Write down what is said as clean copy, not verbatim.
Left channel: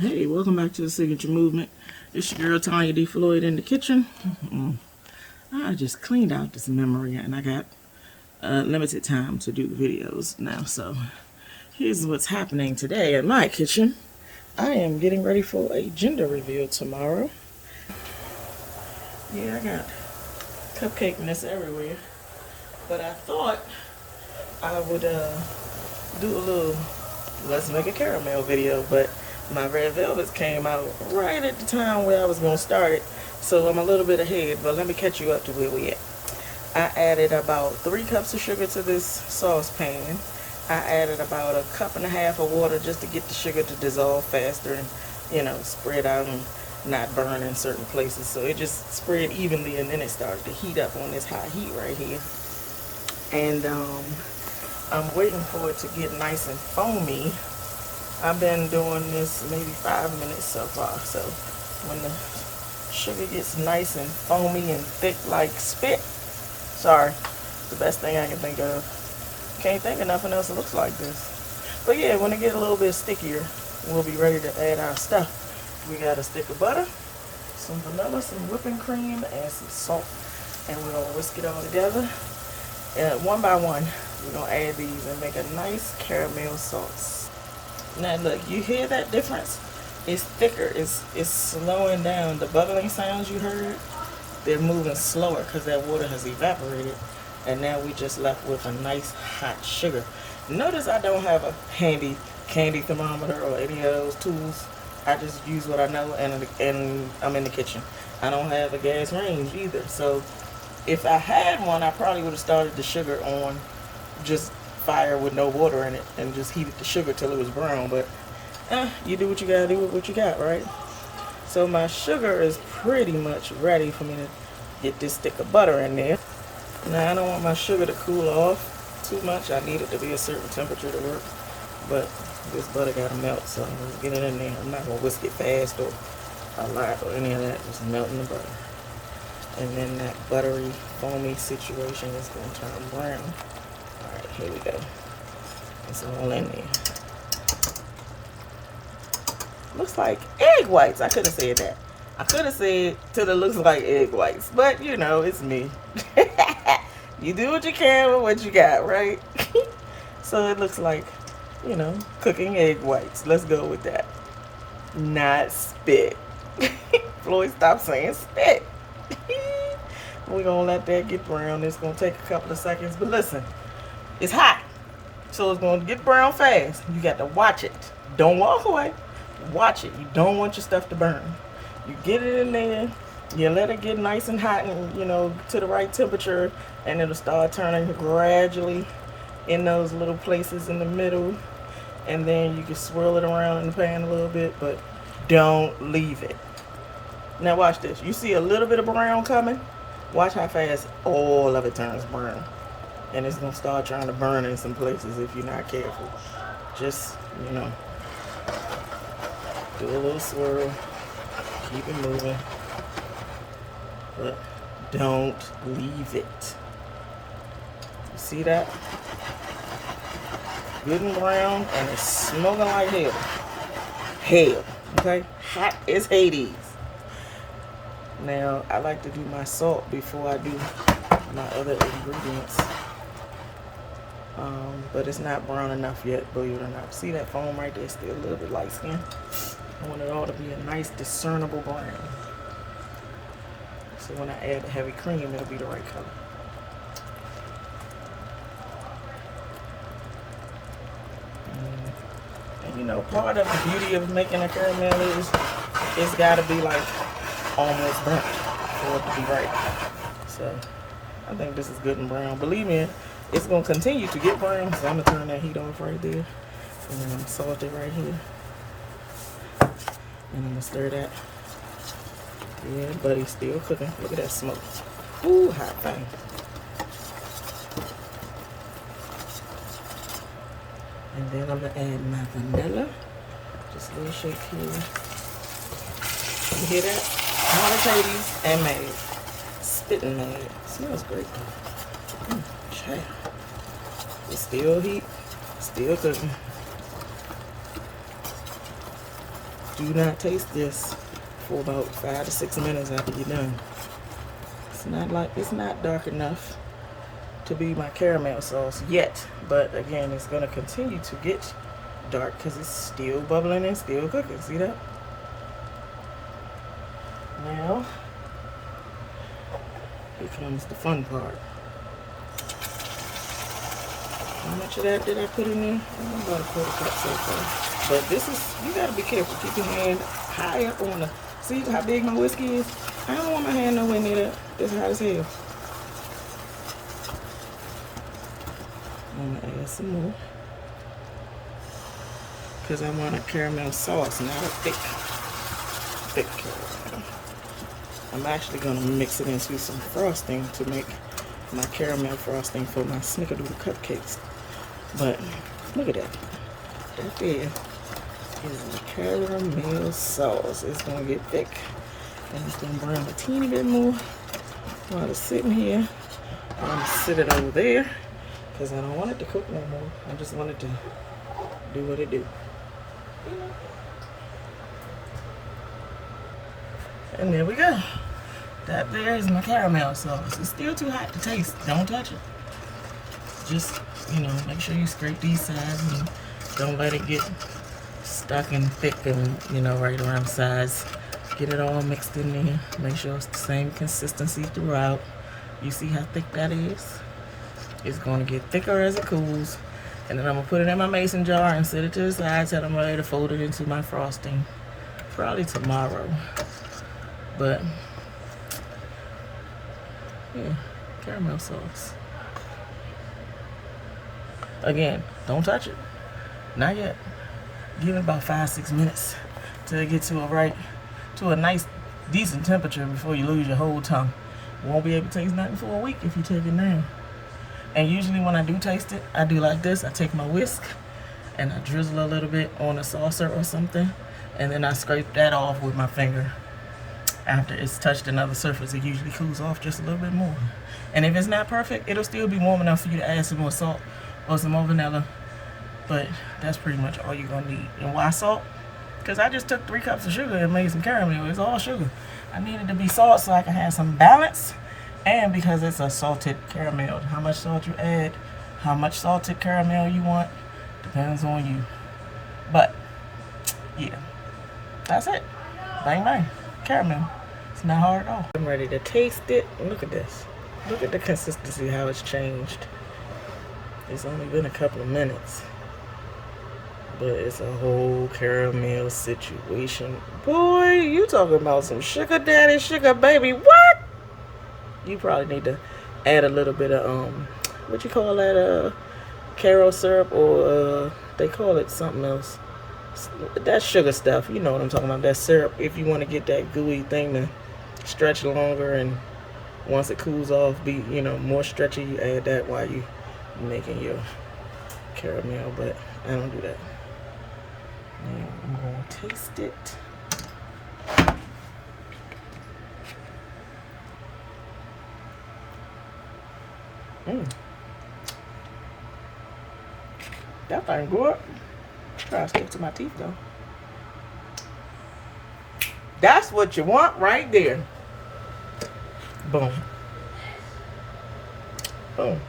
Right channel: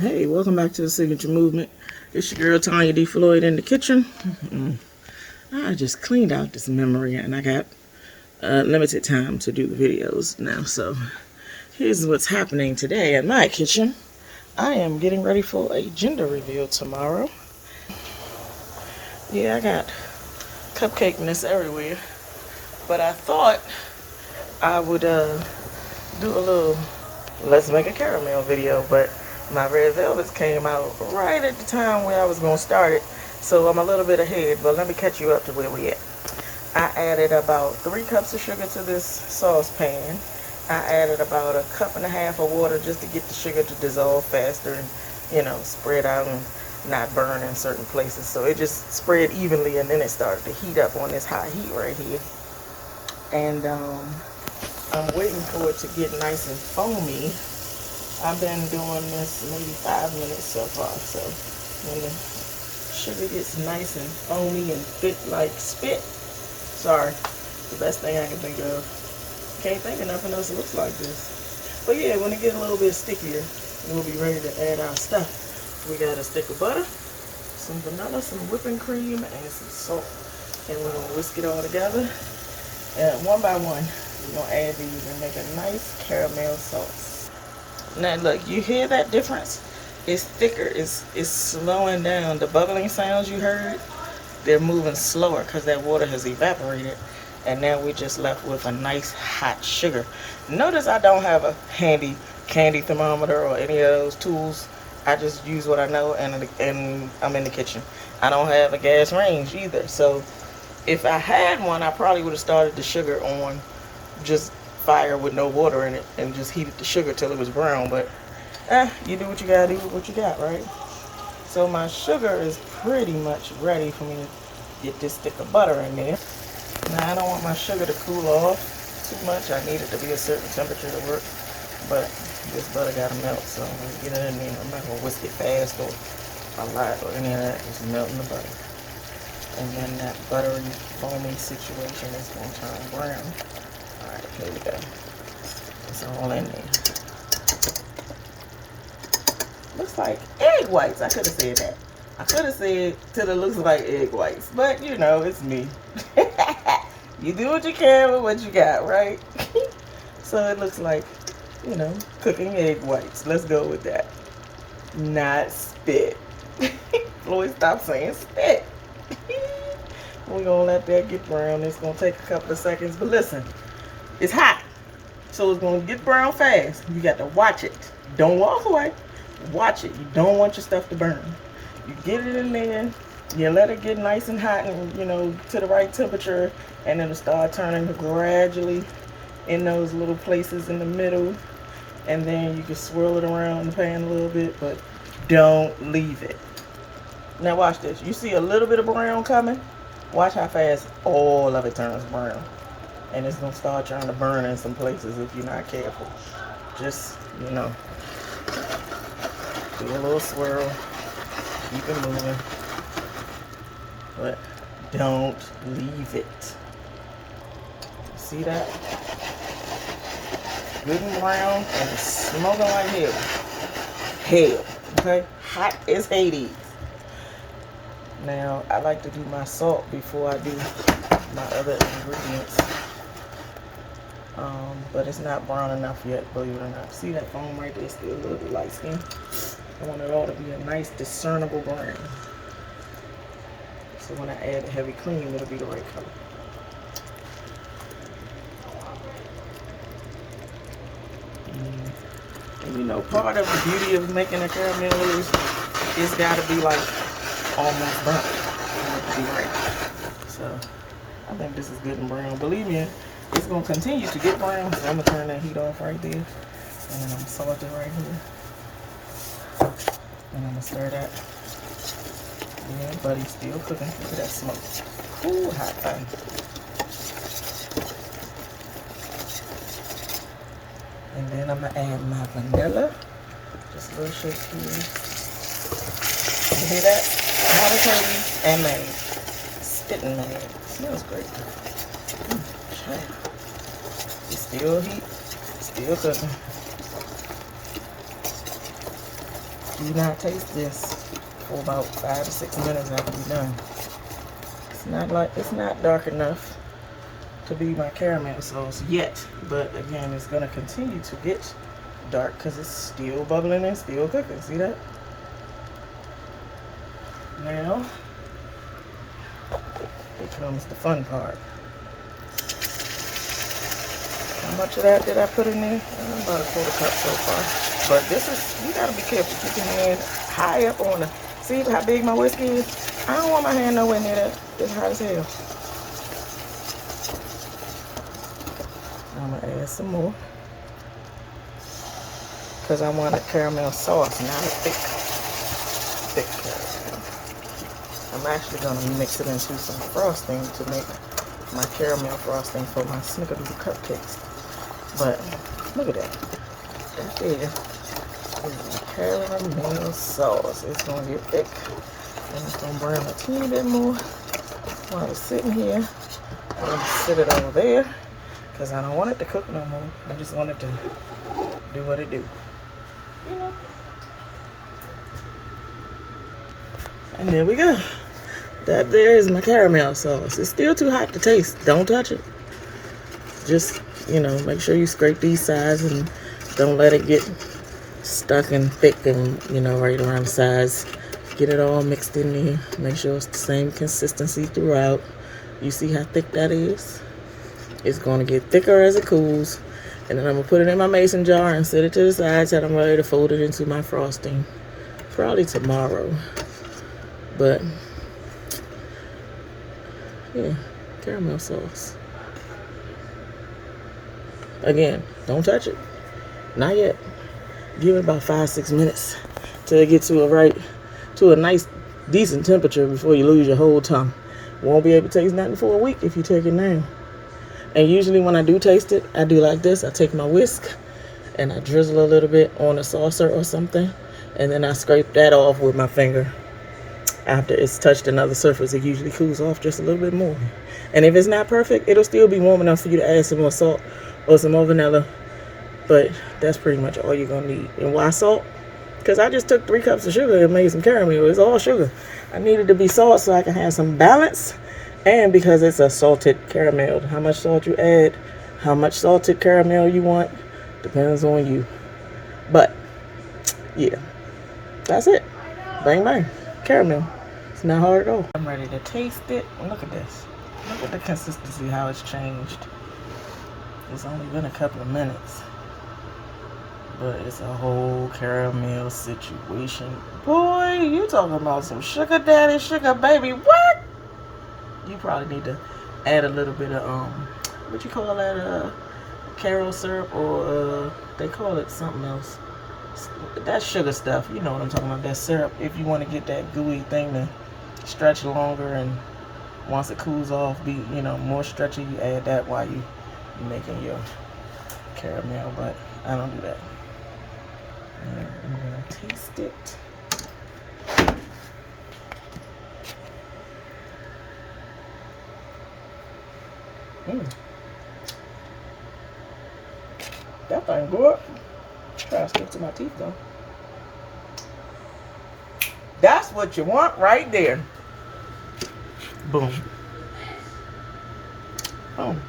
Hey, welcome back to the Signature Movement. It's your girl Tanya D. Floyd in the kitchen. I just cleaned out this memory and I got limited time to do the videos now. So here's what's happening today in my kitchen. I am getting ready for a gender reveal tomorrow. Yeah, I got cupcakeness everywhere. But I thought I would do a little let's make a caramel video, but my red velvets came out right at the time where I was going to start it, so I'm a little bit ahead, but let me catch you up to where we at. I added about 3 cups of sugar to this saucepan. I added about 1.5 cups of water just to get the sugar to dissolve faster and, spread out and not burn in certain places. So it just spread evenly, and then it started to heat up on this high heat right here. And I'm waiting for it to get nice and foamy. I've been doing this maybe 5 minutes so far. So when the sugar gets nice and foamy and thick like spit, sorry, the best thing I can think of. Can't think of nothing else that looks like this. But yeah, when it gets a little bit stickier, we'll be ready to add our stuff. We got a stick of butter, some vanilla, some whipping cream, and some salt. And we're gonna whisk it all together. And one by one, we're gonna add these and make a nice caramel sauce. Now look, you hear that difference? It's thicker, it's slowing down. The bubbling sounds you heard, they're moving slower because that water has evaporated. And now we're just left with a nice hot sugar. Notice I don't have a handy candy thermometer or any of those tools. I just use what I know, and I'm in the kitchen. I don't have a gas range either. So if I had one, I probably would have started the sugar on just fire with no water in it and just heated the sugar till it was brown. But you do what you gotta do with what you got, right? So my sugar is pretty much ready for me to get this stick of butter in there. Now I don't want my sugar to cool off too much. I need it to be a certain temperature to work. But this butter gotta melt, so I'm gonna get it in there. I'm not gonna whisk it fast or a lot or any of that. Just melting the butter. And then that buttery, foamy situation is gonna turn brown. All right, here we go. It's all in there. Looks like egg whites. I could have said that. I could have said till it looks like egg whites, but it's me. You do what you can with what you got, right? So it looks like, cooking egg whites. Let's go with that. Not spit. Floyd, stop saying spit. We're gonna let that get brown. It's gonna take a couple of seconds, but listen, it's hot, so it's gonna get brown fast. You got to watch it. Don't walk away. Watch it. You don't want your stuff to burn. You get it in there, you let it get nice and hot and, to the right temperature, and it'll start turning gradually in those little places in the middle. And then you can swirl it around in the pan a little bit, but don't leave it. Now watch this. You see a little bit of brown coming? Watch how fast all of it turns brown. And it's going to start trying to burn in some places if you're not careful. Just, do a little swirl. Keep it moving. But don't leave it. You see that? Good and brown, and it's smoking like hell. Hell, okay? Hot as Hades. Now, I like to do my salt before I do my other ingredients. But it's not brown enough yet, believe it or not. See that foam right there? It's still a little bit light skin. I want it all to be a nice discernible brown. So when I add the heavy cream, it'll be the right color. And part of the beauty of making a caramel is it's gotta be like almost burnt for it to be right. So I think this is good and brown. Believe me, it's gonna continue to get brown, so I'm gonna turn that heat off right there. And then I'm gonna salt it right here. And I'm gonna stir that. Yeah, buddy's still cooking. Look at that smoke. Ooh, hot thing. And then I'm gonna add my vanilla. Just a little shake here. You hear that? Tomato paste and made. Spitting made. Smells great though. Child. It's still heat. Still cooking. do not taste this for about 5 to 6 minutes after you're done. It's not dark enough to be my caramel sauce yet, but again, it's gonna continue to get dark because it's still bubbling and still cooking. See that? Now, here comes the fun part. How much of that did I put in there? About a 1/4 cup so far. But this is, you gotta be careful. Keep your hand high up on the, see how big my whisk is? I don't want my hand nowhere near that. It's hot as hell. I'm gonna add some more. Because I want a caramel sauce, not a thick caramel. I'm actually gonna mix it into some frosting to make my caramel frosting for my snickerdoodle cupcakes. But look at that. That there is a caramel sauce. It's gonna get thick and it's gonna brown a teeny bit more while it's sitting here. I'm gonna sit it over there because I don't want it to cook no more. I just want it to do what it do. And there we go. That there is my caramel sauce. It's still too hot to taste. Don't touch it. Just, you know, make sure you scrape these sides and don't let it get stuck and thick and, you know, right around the sides. Get it all mixed in there. Make sure it's the same consistency throughout. You see how thick that is? It's going to get thicker as it cools. And then I'm going to put it in my mason jar and set it to the side till I'm ready to fold it into my frosting. Probably tomorrow. But, yeah, caramel sauce. Again, don't touch it. Not yet. Give it about 5-6 minutes till it gets to a nice, decent temperature before you lose your whole tongue. Won't be able to taste nothing for a week if you take it now. And usually when I do taste it, I do like this. I take my whisk and I drizzle a little bit on a saucer or something. And then I scrape that off with my finger. After it's touched another surface, it usually cools off just a little bit more. And if it's not perfect, it'll still be warm enough for you to add some more salt or some more vanilla. But that's pretty much all you're gonna need. And why salt? Because I just took 3 cups of sugar and made some caramel. It's all sugar. I needed to be salt so I can have some balance. And because it's a salted caramel, how much salt you add, how much salted caramel you want, depends on you. But, yeah, that's it. Bang, bang. Caramel. It's not hard at all. I'm ready to taste it. Look at this. Look at the consistency, how it's changed. It's only been a couple of minutes. But it's a whole caramel situation. Boy, you talking about some sugar daddy, sugar baby. What? You probably need to add a little bit of, what you call that, Caro syrup, or they call it something else. That sugar stuff, you know what I'm talking about, that syrup. If you want to get that gooey thing to stretch longer, and once it cools off, be, you know, more stretchy, you add that while you making your caramel. But I don't do that. Now I'm gonna taste it. That thing good. Try to stick to my teeth though. That's what you want right there. Boom. Boom.